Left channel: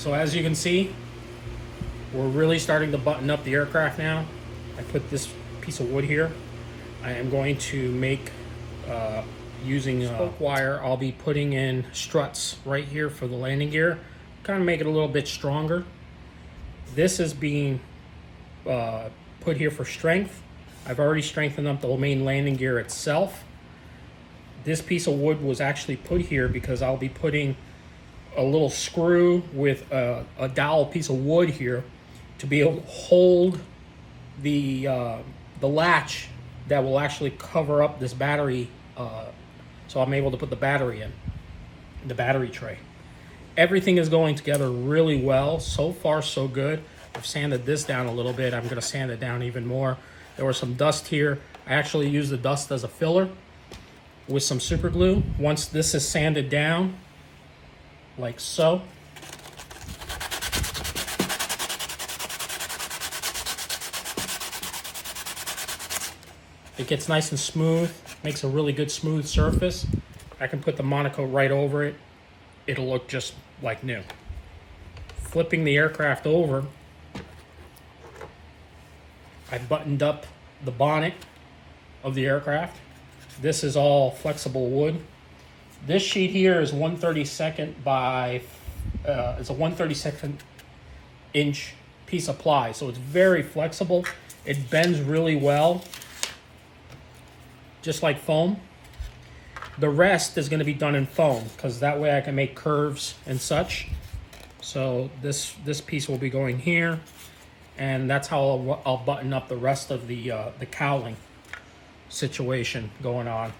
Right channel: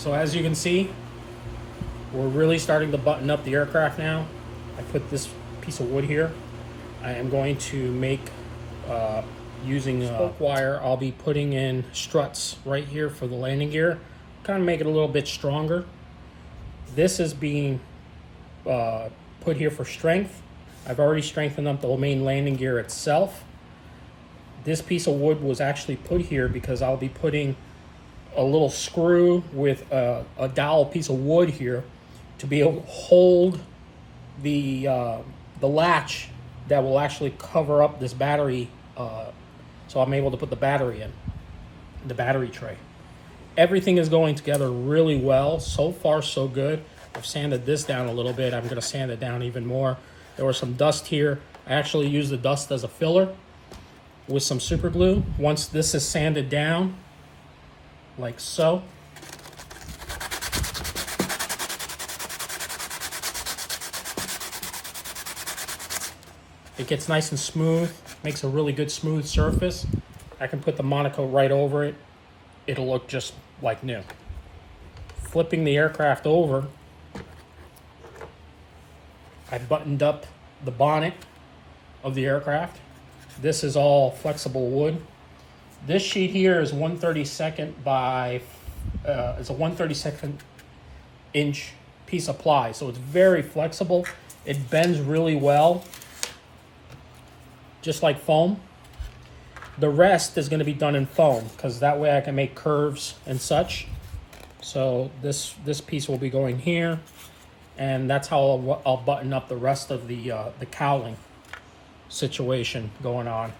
So as you can see, we're really starting to button up the aircraft now. I put this piece of wood here. I am going to make, using spoke wire, I'll be putting in struts right here for the landing gear. Kind of make it a little bit stronger. This is being put here for strength. I've already strengthened up the main landing gear itself. This piece of wood was actually put here because I'll be putting a little screw with a dowel piece of wood here to be able to hold the latch that will actually cover up this battery, so I'm able to put the battery in, the battery tray. Everything is going together really well. So far, so good. I've sanded this down a little bit. I'm going to sand it down even more. There was some dust here. I actually used the dust as a filler with some super glue. Once this is sanded down, like so, it gets nice and smooth, makes a really good smooth surface. I can put the Monaco right over it. It'll look just like new. Flipping the aircraft over, I buttoned up the bonnet of the aircraft. This is all flexible wood. This sheet here is 1/32 by, it's a 1/32 inch piece of ply, so it's very flexible. It bends really well, just like foam. The rest is going to be done in foam because that way I can make curves and such. So this piece will be going here, and that's how I'll button up the rest of the cowling situation going on.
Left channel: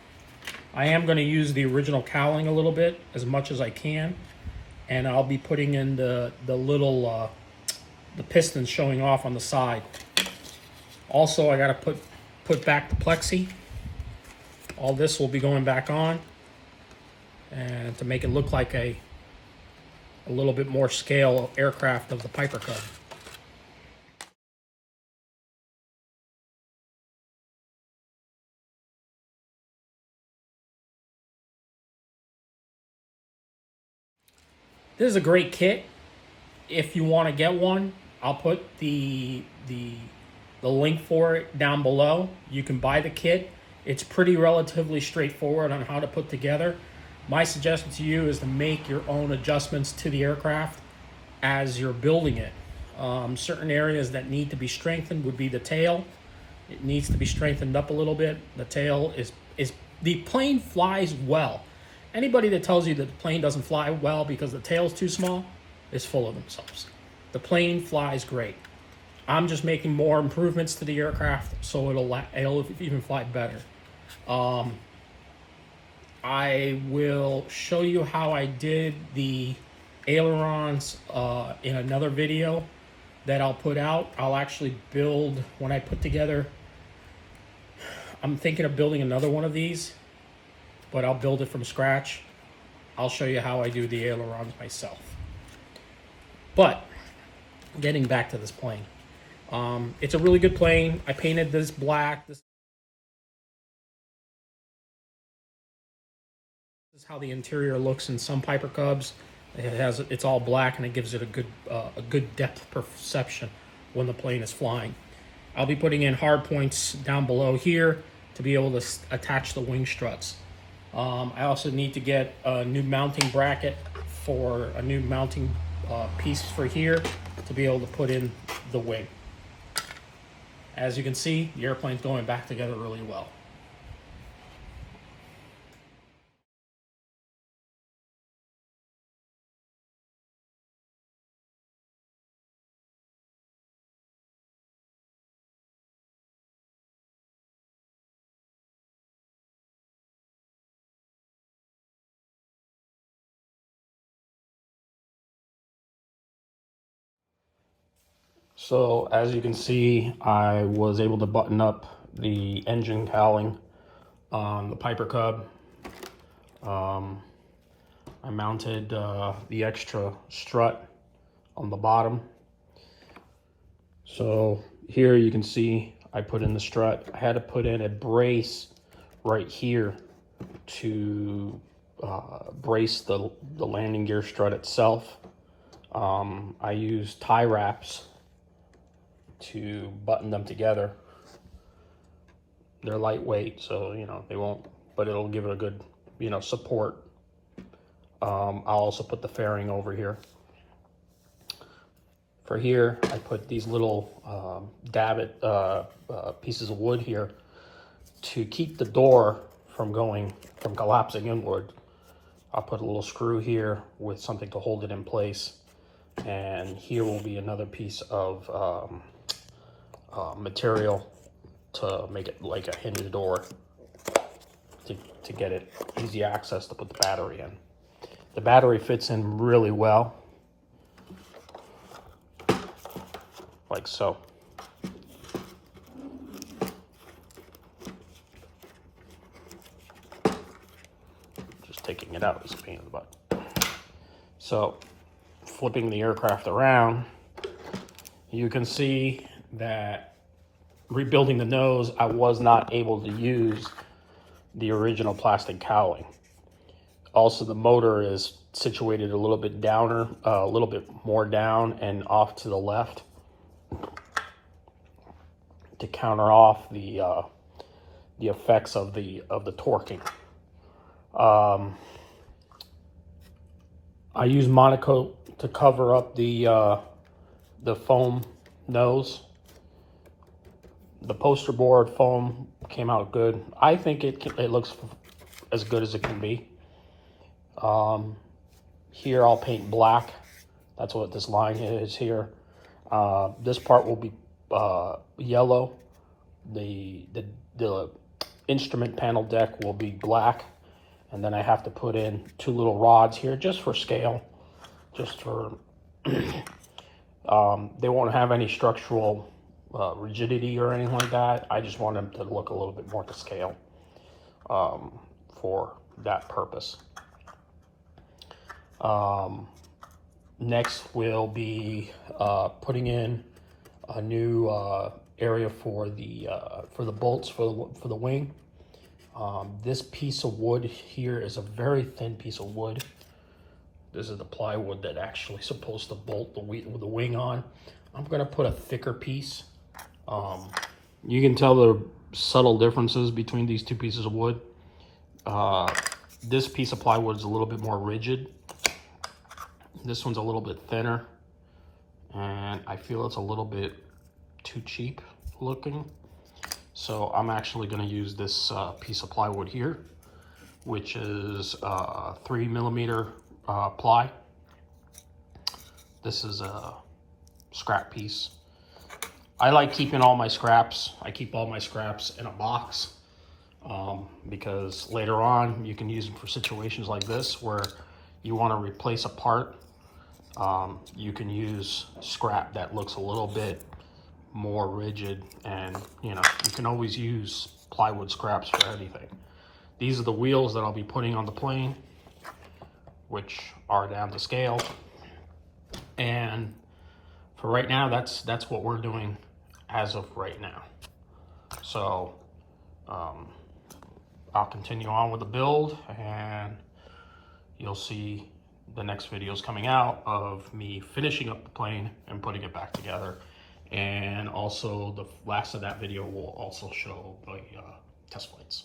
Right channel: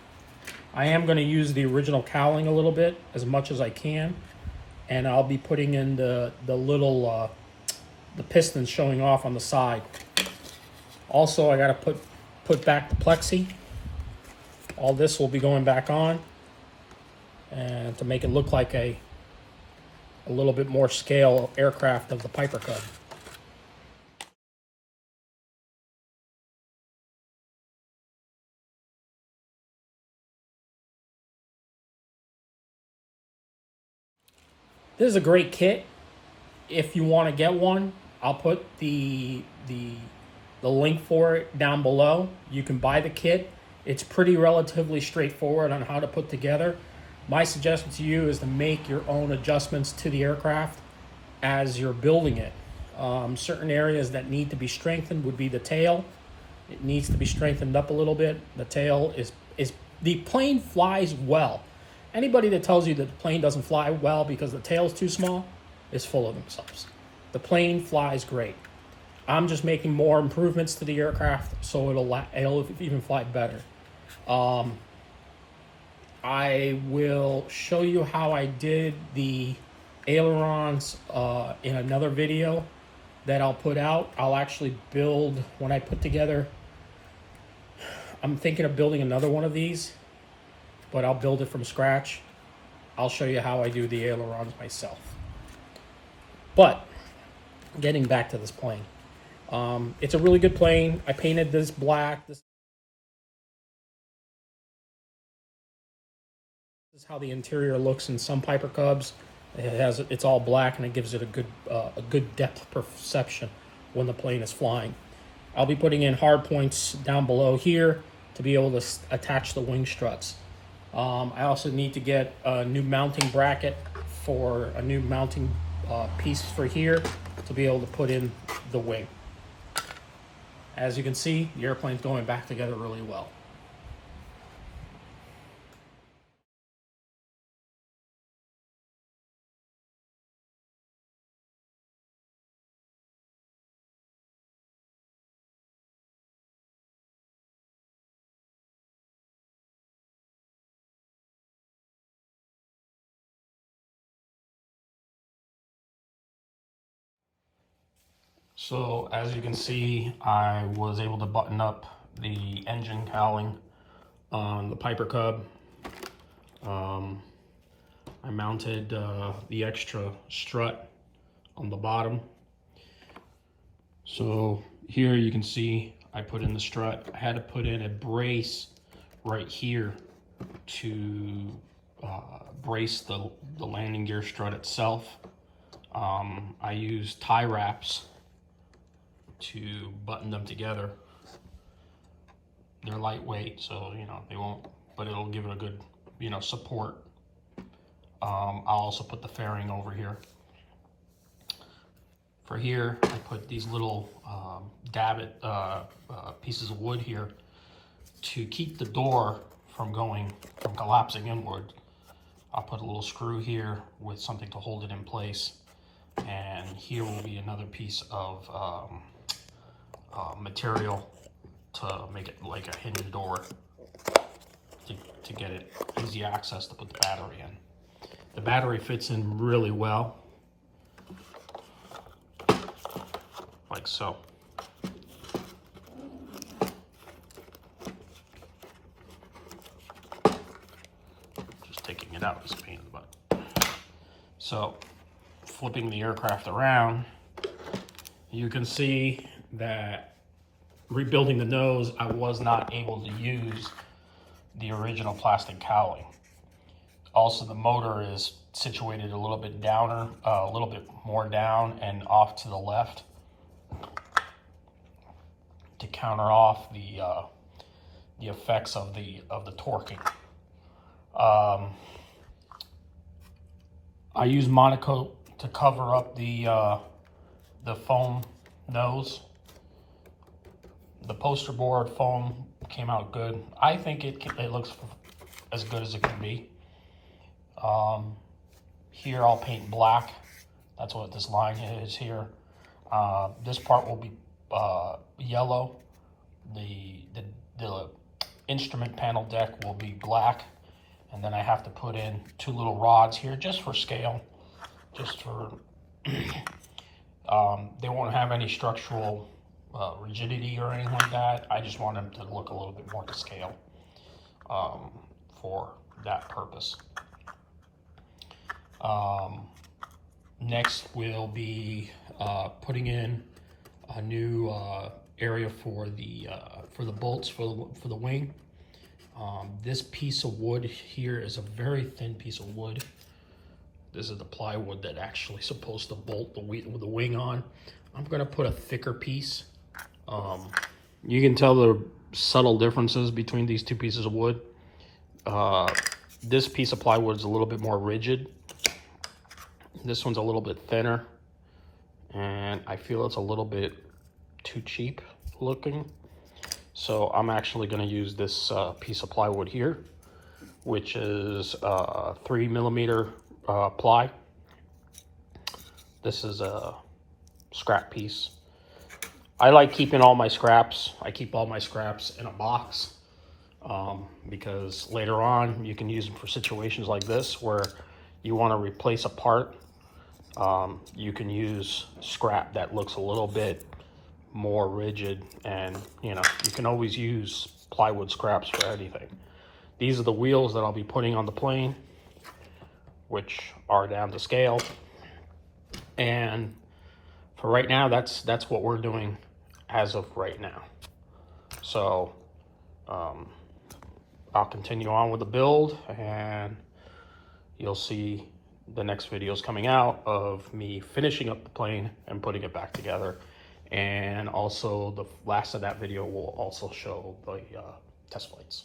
I am going to use the original cowling a little bit, as much as I can, and I'll be putting in the little the pistons showing off on the side. Also, I got to put back the plexi. All this will be going back on, and to make it look like a little bit more scale aircraft of the Piper Cub. This is a great kit. If you want to get one, I'll put the link for it down below. You can buy the kit. It's pretty relatively straightforward on how to put together. My suggestion to you is to make your own adjustments to the aircraft as you're building it. Certain areas that need to be strengthened would be the tail. It needs to be strengthened up a little bit. The tail is the plane flies well. Anybody that tells you that the plane doesn't fly well because the tail's too small is full of themselves. The plane flies great. I'm just making more improvements to the aircraft so it'll even fly better. I will show you how I did the ailerons in another video that I'll put out. I'll actually build, when I put together, I'm thinking of building another one of these, but I'll build it from scratch. I'll show you how I do the ailerons myself. But getting back to this plane, it's a really good plane. I painted this black. This is how the interior looks in some Piper Cubs. It's all black, and it gives it a good depth perception when the plane is flying. I'll be putting in hard points down below here to be able to attach the wing struts. I also need to get a new mounting bracket for a new mounting piece for here to be able to put in the wing. As you can see, the airplane's going back together really well. So as you can see, I was able to button up the engine cowling on the Piper Cub. I mounted the extra strut on the bottom. So here you can see I put in the strut. I had to put in a brace right here to brace the landing gear strut itself. I use tie wraps to button them together. They're lightweight, so they won't, but it'll give it a good support. I'll also put the fairing over here. For here, I put these little davit pieces of wood here to keep the door from collapsing inward. I'll put a little screw here with something to hold it in place, and here will be another piece of material to make it like a hinge door to get it easy access to put the battery in. The battery fits in really well, like so. Just taking it out is a pain in the butt. So, flipping the aircraft around, you can see that rebuilding the nose, I was not able to use the original plastic cowling. Also, the motor is situated a little bit downer, a little bit more down and off to the left to counter off the effects of the torquing. I use Monocoat to cover up the foam nose. The poster board foam came out good. I think it looks as good as it can be. Here I'll paint black. That's what this line is here. This part will be yellow. The instrument panel deck will be black. And then I have to put in 2 little rods here just for scale. Just for, they won't have any structural rigidity or anything like that. I just want them to look a little bit more to scale for that purpose. Next we'll be putting in a new area for the bolts for the wing. This piece of wood here is a very thin piece of wood. This is the plywood that actually supposed to bolt the wing on. I'm gonna put a thicker piece. You can tell the subtle differences between these 2 pieces of wood. This piece of plywood is a little bit more rigid. This one's a little bit thinner, and I feel it's a little bit too cheap looking. So I'm actually going to use this piece of plywood here, which is 3mm ply. This is a scrap piece. I like keeping all my scraps. I keep all my scraps in a box because later on you can use them for situations like this where you want to replace a part. You can use scrap that looks a little bit more rigid, and you can always use plywood scraps for anything. These are the wheels that I'll be putting on the plane, which are down to scale. And for right now, that's what we're doing as of right now. So I'll continue on with the build, and you'll see the next videos coming out of me finishing up the plane and putting it back together. And also the last of that video will also show the test flights.